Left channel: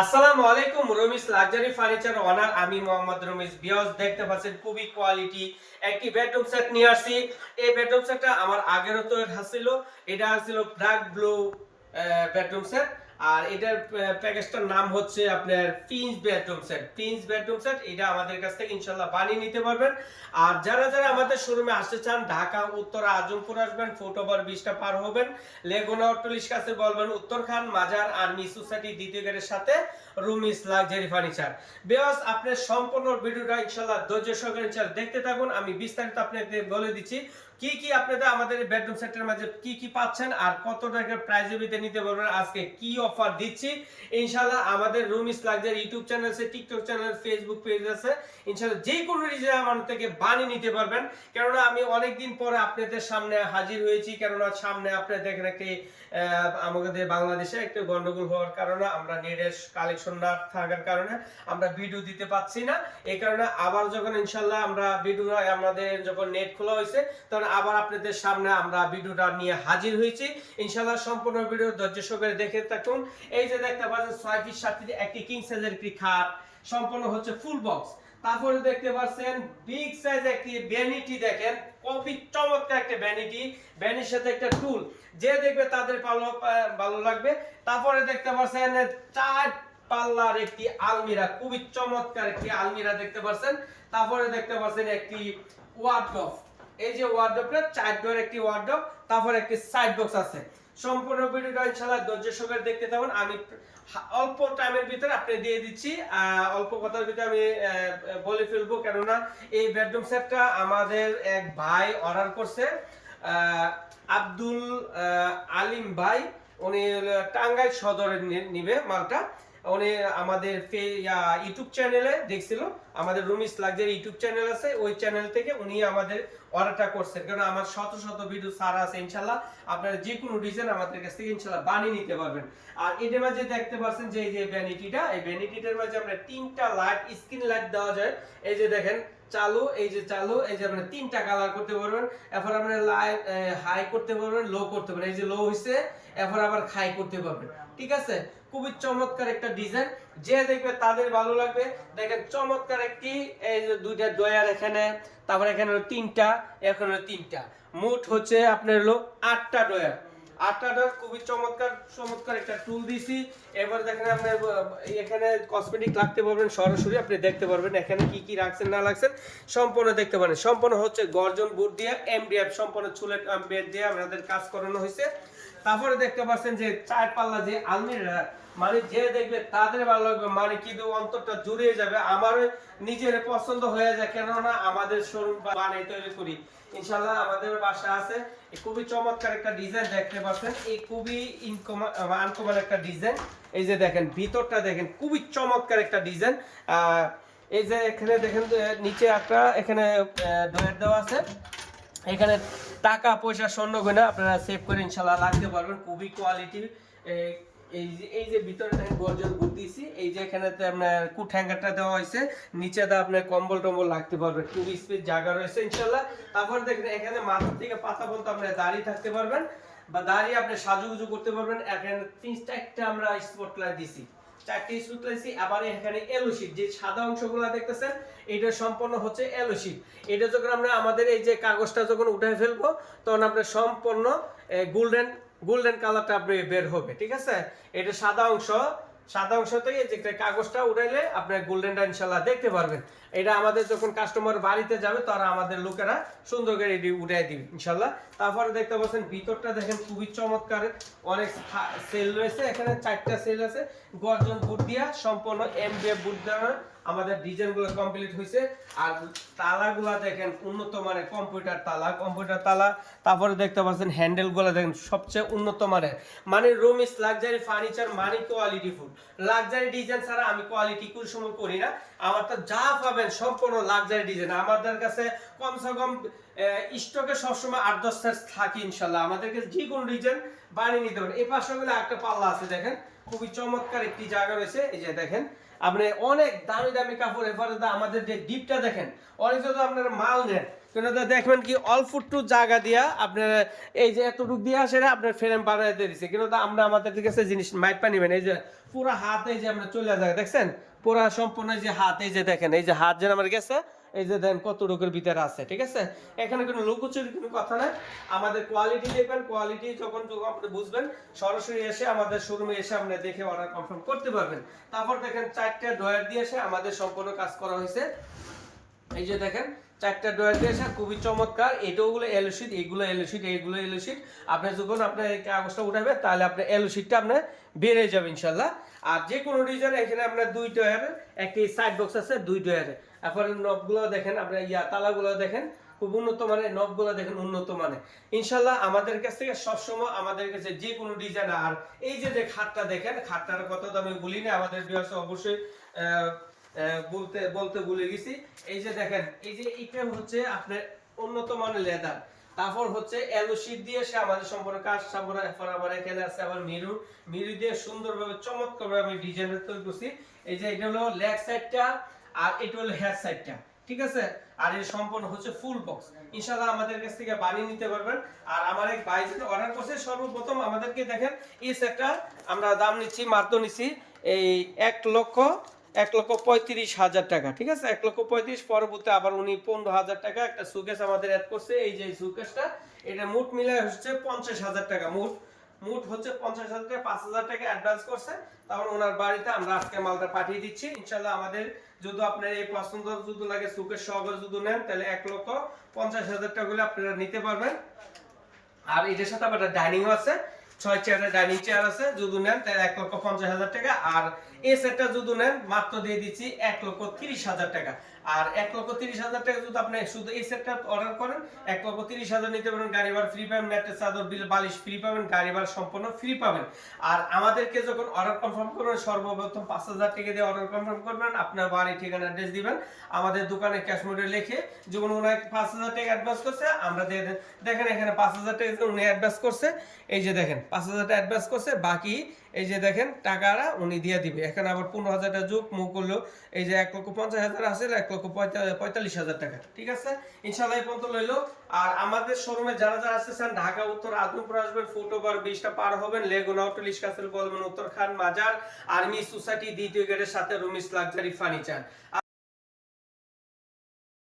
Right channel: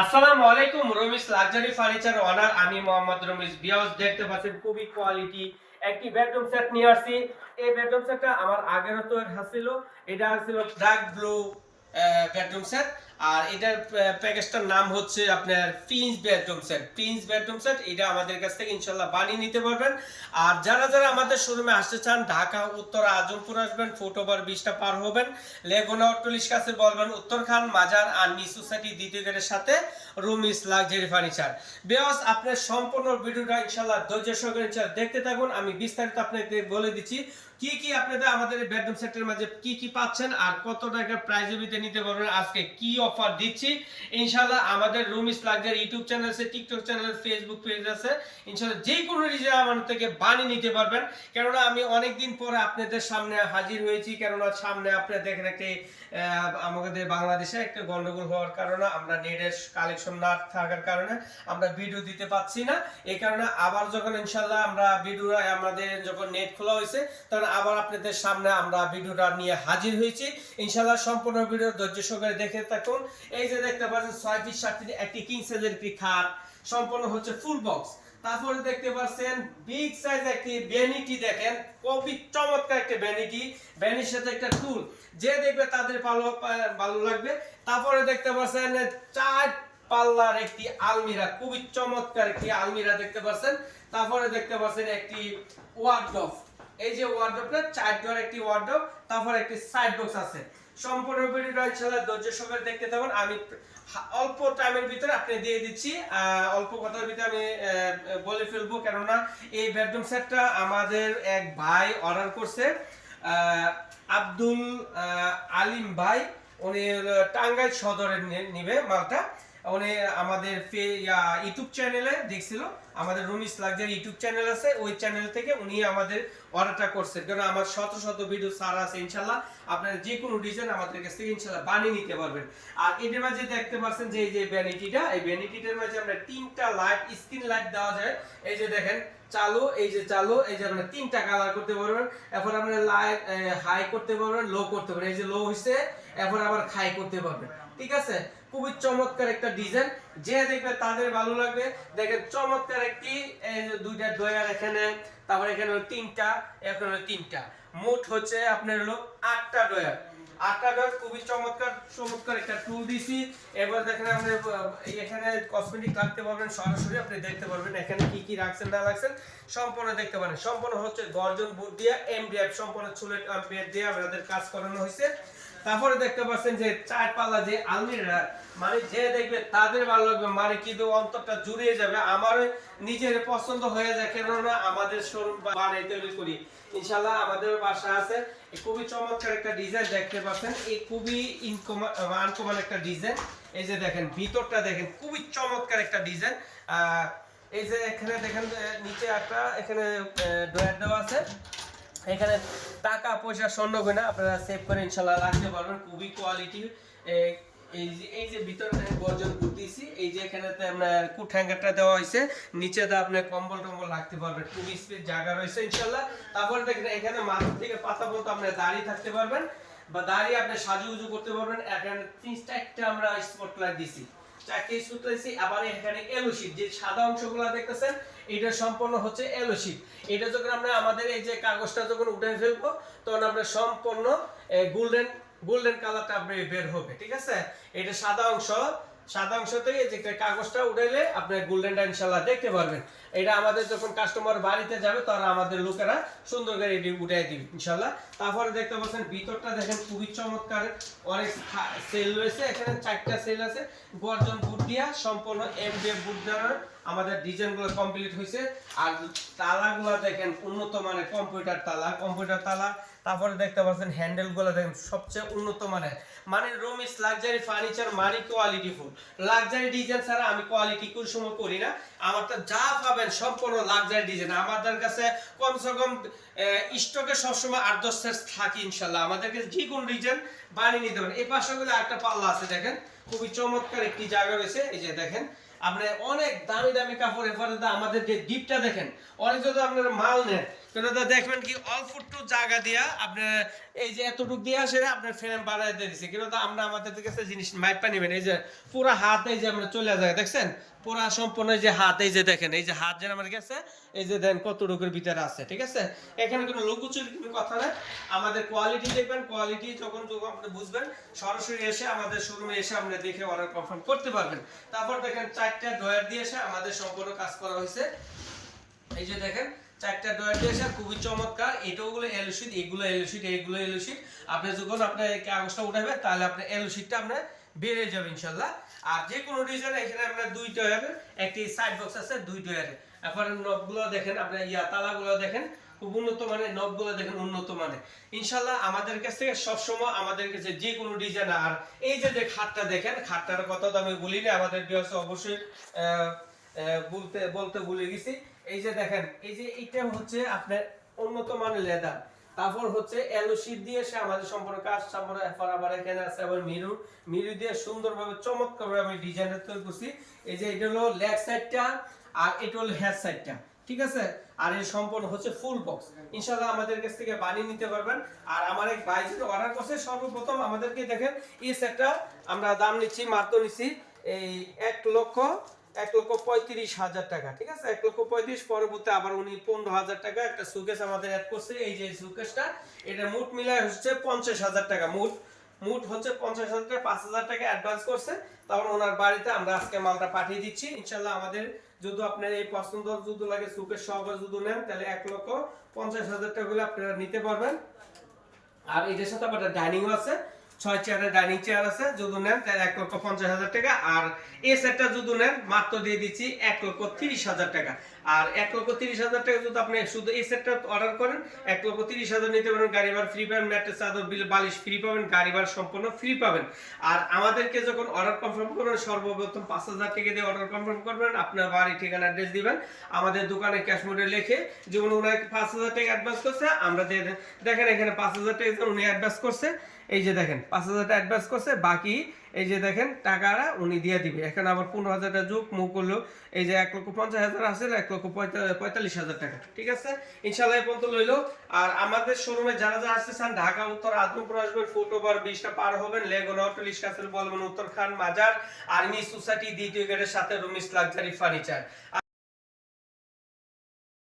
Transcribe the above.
আসসালামু আলাইকুম Ramis luxury furniture ওনার আমি মোহাম্মদ রমিস বিয়াস দেখতে পাচ্ছেন খুবই কোয়ালিটি একটি বেডরুম সেট নিয়ে আসছি। এই বেডরুম সেটটা আমার আগেরও তো ছিল এটা ছিল ডার্ক ব্লু বেডরুম সেট। আর এটার প্যাকেজটার নাম হচ্ছে আপনার prince bedroom set prince bedroom set এটা আমাদের কাছ থেকে ইনশাল্লাহ বানিয়ে নিতে পারবেন। আর যারা যারা আমাদের শোরুমে আসতে চান, ঢাকা, উত্তর, আজমপুর আসবেন ফুট ওভার বিশটা পার হবেন লেগুনা অট্টলিশ কাছে বলবেন উত্তরখান মাজার আর মিস সোসাইটি দ্বিতীয় গেটের সাথে রুমিস লাক্সারি ফার্নিচার বেওয়াস আপনার সম্পূর্ণ ভিডিওটা ইনশাল্লাহ ধৈর্য সহকারে দেখতে থাকুন। আমি বিস্তারিত আপনাকে বলে দিচ্ছি। কি কি আপনাদের আমাদের বেডরুম সেটের মাঝে কি কি পাচ্ছেন আর কত টাকা প্রাইজে বিতে নিতে পারবেন? আজকে কি অফার দিচ্ছি? ইনশাল্লাহ আমাদের রুমিস লাক্সারি ইউটিউব চ্যানেল আছে টিকটক চ্যানেল ফেসবুক পেজ আছে। ইনশাল্লাহ যে কোনো রিজন আমার থেকে বানিয়ে নিতে পারবেন। কেননা আমি অনেক দিন পরে আপনাদের সামনে হাজির হয়েছি, কেননা সামনে আপনারা দেখেন একটি আমাদের বাংলাদেশে একটা গন্ডগোল হওয়ার কারণে আমরা নেটের কালেকশন না থাকার কারণে আমরা ভিডিও দিতে পাচ্ছি না। এই কারণে আবার যখন ইনশাল্লাহ আমরা ভিডিও আমাদের যখন নেট খোলা হয়েছে, তখন আবার আপনাদের সামনে আমরা ভিডিওটা নিয়ে হাজির হয়েছি। ইনশাল্লাহ সম্পূর্ণ ভিডিও ধৈর্য সহকারে দেখে থাকুন। এই যে দেখতে পাচ্ছেন, ছয় ফিট সাত ফিট একটি কিং সাইজের একটি খাট। সম্পূর্ণ হচ্ছে ফুল বক্স তারপরে দেখতে পাচ্ছেন বিগ সাইজ একটি ভ্যানিটি দেখেন। খুবই চমৎকার একটা ভ্যানিটি ভ্যানির সাথে একটা টুল যে দেখবে তাদের ভালো ভালো লাগবে। তারপরে দেখতে পাচ্ছেন, চার পাল্লার একটি আলমিরা, খুবই চমৎকার একটি আলমিরা দেখতে পাচ্ছেন। তারপরে দেখতে পাচ্ছেন একটি ওয়ার্ডরোব এই যে ওয়ার্ডরোবটা চার ডোর একটি ওয়ার্ডরোব তারপর একটি সাইড বক্স আছে। সম্পূর্ণ ভিডিওটা ইনশাআল্লাহ ধৈর্য সহকারে দেখতে থাকুন। আমি অল্প টাইমের ভিতরে আপনি দিয়ে দিচ্ছি। অল্প কথার ভিতরে আমি বলে ফেলব। কেননা এই বেডরুম সেটটা আমাদের এক ভাই অর্ডার করছে। আব্দুল আলিম ভাই, উনি টাঙ্গাইল সদরে নি- নিবে মালটা। উনি আমাদের ইউটিউব চ্যানেলে দেখছিল। আমাদের রুমিস লাক্সারি ইউটিউব চ্যানেল আছে, ওই চ্যানেল থেকে উনি আমাদের অর্ডারটা করছেন। কারণ আমার শত শত ভিডিও সারা আছে, ইনশাল্লাহ আপনারা যে কোনো ডিজাইন আমাদের কাছ থেকে ইনশাল্লাহ বানিয়ে নিতে পারবেন। আর এটার মাঝে দেখতে পাচ্ছেন যে এই যে ভ্যানিটিটা এই ভ্যানিটিটার মাঝে আমরা তিনটা লাইট স্ক্রিন লাইট দেওয়া যায়। এই যে দেখেন, চালু, এই যে চালু, এই যে আপনার তিনটা কালার করতে পারবেন। এরপর আপনি লাইট হাই করতে পারবেন লো করতে পারবেন। এই যে লো হইছে, এরপর আবার হাই করতে পারবেন। ঠিক আছে? খুবই চমৎকার একটা ডিজাইন যে দেখবে তাদের ভালো লাগবে। দেখেন চমৎকার একটি, এই যে দুইটা ডয়ার এখানে, তারপর এখানে তিনটা এখানে তিনটা। মোট হচ্ছে আপনার হলো আটটা ডয়ার আটটা খুবই চমৎকার চমৎকার একটা টুল দিছি এবার দেখেন আপনি, এখানে কসমেটিক পারবেন, সরাসরি আপনি দেখতে পারবেন এখানে কি কি রাখছেন, না রাখছেন। সম্পূর্ণ দেখতে পারেন। সম্পূর্ণ হচ্ছে গর্জন বুট দিয়ে এমডিএফ সম্পূর্ণ চুলের বেড দিয়ে আপনাদের কাজ করানো হয়েছে। তারপরে দেখতে পাচ্ছেন যে চার পাল্লা যে আলমিরা মানে যে দেখবে তাদের ভালো লাগবে মানে কিন্তু অন্তরটা জুড়িয়ে যাবে আমার নিজের পছন্দ হয়ে যায়। কেননা আমাদের শোরুম বানাই তৈরি করি। ইনশাল্লাহ আমাদের বাসা আছে। খুবই চমৎকার একটা ডিজাইন দেখতে পাচ্ছেন। এই খুবই ইনকমন আনকমন একটা ডিজাইন এই যে দেখেন, ভিতরটা দেখেন, খুবই চমৎকার একটা ডিজাইন এই যে এখানে দেখেন নিচে একটা, এখানে ডয়ার দেওয়া আছে। এখানে টাকা, পয়সা, স্বর্ণ গয়না আপনারা সেভ করে ইনশাল্লাহ রাখতে পারবেন। খুবই কোয়ালিটি এই যে এই যে ভিতরে আমি গর্জন বুঝতেছি এই যে এখানেতে আপনার কুট হ্যাঙ্গারটা দেওয়া হয়েছে নিচে দা আপনি কম্বল টম্বল রাখতে পারবেন। টু স্পেস জায়গা রয়েছে ইনশাল্লাহ তারপর দেখেন এখানে মাথা থেকে পাতা পর্যন্ত আপনি দাঁড়িয়ে থাকতে পারবেন বা দাঁড়িয়ে আপনি সাজুগুজু করতে পারবেন। এখানে তিন চারটা আমরা স্পট লাইট দিছি। চারটে সূত্র লাইট আবার এখানে এলোশিট যে সাদা অংশগুলো দেখতেছেন, এটা সম্পূর্ণ হচ্ছে এলোশিট এটা যখন আমরা আমাদের এই যে কাগজটা যখন উঠে ফেলব, তখন আমরা সম্পূর্ণ গোল্ডেন গোল্ডেন কালারটা বের হবে, ঠিক আছে? এটা সাদা অংশ সাদা অংশতে যে কাগজটা উঠাইলে আপনি গোল্ডেনটা ইনশাল্লাহ দেখতে পারবেন। এটা আমাদের যখন কাস্টমার বাড়িতে যাবে, তারা আমাদের লোকেরা সুন্দর করে এটি উঠাই দিবে ইনশাল্লাহ তারপরে দেখতে পাচ্ছেন, ভিতরটা দেখেন খুবই চমৎকার। অনেক সেল রয়েছে। এখানে চারটা সেল আছে। গর্জন বুট দিয়া সম্পূর্ণ এমডিএফ বুট দ্বারা আমাদের ডিজাইনগুলো কমপ্লিট হয়েছে আর তালাগুলো দেখেন উন্নত মানের কম্পিউটার তালা কম্পিউটার তালা। তারপরে দেখতে পাচ্ছেন হ্যান্ডেলগুলো দেখেন, সবচেয়ে উন্নত মানের। মানে রুম ইস লাক্সারি ফার্নিচার মানে কোয়ালিটি ফুল লাক্সারি ডিজাইন ছাড়া আমি কোয়ালিটি কোন সময় করি না। আমার তো যা পাবেন সম্পূর্ণ লাক্সারি ডিজাইন আমাদের কাছে কমসে কম স্টকে সবসময় আট দশ থাকে ইনশাল্লাহ। আমাদের কাছে যে কোনো ডিজাইন বানিয়ে নিতে পারেন। এই পাশে একটা পাল্লা আছে, দেখেন। খুবই চমৎকার একটি জায়গা রয়েছে। এই যে দেখেন, আপনি অনেক দামি দামি কাপড় তো আমাদের যে দ্বীপটা দেখেন, অনেক যদি আপনার মাল নেন কেন দাদা দেখবেন কি অল্প একটু জায়গা দিয়া আপনার এই যে এতটুক দিয়ে আসে আপনার ফ্রেম বাড়াই দিয়ে দিচ্ছে কিন্তু আমরা আমাদের কাছে জিনিস মাইপা নেবেন। এই যে পুরো হাতে যে আপনার চলে যায় দেখছেন? পুরো সম্পূর্ণ যে হাত, এই যে দেখেন, এই যে হাত যেন আমার গেছে, এই যে দেন রোগের ভিতরে আছে, ঠিক আছে? এখানে কোনো লুকোচুরি কোনো কথা নাই। আমাদের কোয়ালিটি দেখবেন কোয়ালিটি যখন যখন আপনি বুঝবেন, সরাসরি এসে আমাদের শোরুমে এসে আপনি দেখে অর্ডার কনফার্ম করতে পারবেন। তারপর দেখেন চারটে ড্রয়ার দিয়ে এসে আমাদের সম্পূর্ণ কাজ করা হয়েছে। এই যে দেখেন চারটা ড্রয়ার দিয়েছে খুবই চমৎকার। এগুলো এগুলো আপনি যখন আপনার কাগজটা উঠাবে, তাহলে আপনার আপনার বেড়ে যাবে ইনশাল্লাহ আর যে কোনো ডিজাইন এখানে আপনার দুই একটি সাইড বক্স আছে, দুই আপনার নবগুলো দেখেন, আপনার ইয়া তালাগুলো দেখেন, খুব উন্নত মানের নবগুলো দেখেন, উন্নত মানের। ইনশাল্লাহ আমাদের কাছ থেকে সবসময় আমাদের কাছে যে কোনো ডিজাইন আর এই যে খাটটা দেখেন, খাটটার কথা তো আমি বলি না, আমাদের অবশ্যই বলতে বলতে ভুলে গেছি। এই যে দেখেন, এই যে এইটা হচ্ছে আপনার উন্নত মানের লেদার। তারপর হচ্ছে এলো শীট দিয়ে সে আমাদের সম্পূর্ণ কাজ সম্পূর্ণ এরপর আবার এখানে আছে আবার মিরু। মিরু দিয়ে সুন্দরভাবে, চমৎকারভাবে আমি ডিজাইনটা তৈরি করছি। এই যে এটা হলো লেগ সাইডটা আর এটা হলো হেড সাইডটা ঠিক আছে? আর এই সম্পূর্ণ হচ্ছে ফুল বক্স ইনশাল্লাহ আমাদের কাছ থেকে বানিয়ে নিতে পারবেন। আর আমার এক ভাই যেটা অর্ডার করছে, সর্বপ্রথম আমাদেরকে দেখেন, এই সেটটা আমরা দাম নিচ্ছি, মাত্র নিচ্ছি এই এক লক্ষ এক লক্ষ পঁয়ত্রিশ হাজার টাকা, ঠিক আছে? এক লক্ষ পঁয়ত্রিশ পরবর্তী আবার উনি পনেরো হাজার টাকা একটা সুকেস আমাদের অ্যাড করছে। এই যে সুকেসটা এটা মোট মিলে হচ্ছে পঞ্চাশ হাজার টাকা। মোট মোট হচ্ছে পঞ্চাশ হাজার টাকা, পাঁচ হাজার টাকা অ্যাডভান্স করছে। তখন ওনার বাড়িতে আমরা আজকে মালটা পাঠিয়ে দিচ্ছি। ইনশাল্লাহ আমাদের যদি আপনার এই পছন্দ যদি লাগে সুকেস সহকারে যদি নেন, তাহলে এক লক্ষ পঞ্চাশ হাজার টাকা হলে আপনারা নিতে পারবেন। আর এটার সাথে আবার ডাইনিংও আছে। ছয় চেয়ারের ডাইনিং চেয়ার আছে, যদি নেন তাহলে এক লক্ষ পঞ্চাশ হাজার টাকা। আর এই সেটটা যদি নেন, মাত্র দিয়ে দিচ্ছি এক লক্ষ তিরিশ হাজার টাকা। আর এক লক্ষ তিরিশ হাজার টাকা যদি আপনি শুধু এই সেটটা অর্ডার করেন, এক লক্ষ তিরিশ হাজার নিতে পারেন গাড়ি ভাড়া ফ্রি পাবেন, ম্যাট্রেস, চাদর, বিল, বালিশ ফ্রি পাবেন, গাড়ি ভাড়া সম্পূর্ণ ফ্রি পাবেন আর আমাদেরকে যখন অর্ডার কনফার্ম করবেন, সর্বপ্রথম পাঁচ হাজার টাকা দিয়ে অর্ডার কনফার্ম করবেন, আপনার বাড়ি ঠিকানা অ্যাড্রেস দিবেন, আমাদের দোকানে ক্যাশ মোডে লিখে যেমন ওনাকে পাঁচ হাজার টাকা অ্যাডভান্স করছে, আমরা দিয়ে। দেখেন এখানে পাঁচ হাজার টাকা উনি অ্যাডভান্স করছে, এই যে দেখেন, পাঁচ হাজার টাকা অ্যাডভান্স করছে, বাকি এই যে দেখেন, টাকাটা উনি দিয়ে দিবে। এখানে আবার পনেরো হাজারটা যুগ, মুখ করল এই যে এক লক্ষ পঞ্চাশ হাজার আছে, এক লক্ষ পঁয়তা- পঁয়তাল্লিশ হাজার টাকা, ঠিক আছে? ইনশাল্লাহ এই পর্যন্ত লইলো। আর আমাদের শোরুমে যারা যারা আসতেছেন ঢাকা, উত্তর, আদমপুর আসবেন ফুটওভার ব্রিজটা পার হবেন লেগুনা হোটেল ইস্কাসেল বলবেন, উত্তর খান, মাজার, আর্মি সোসাইটি, দ্বিতীয় গেটের সাথে রুমিস লাক্সারি, ফার্নিচার।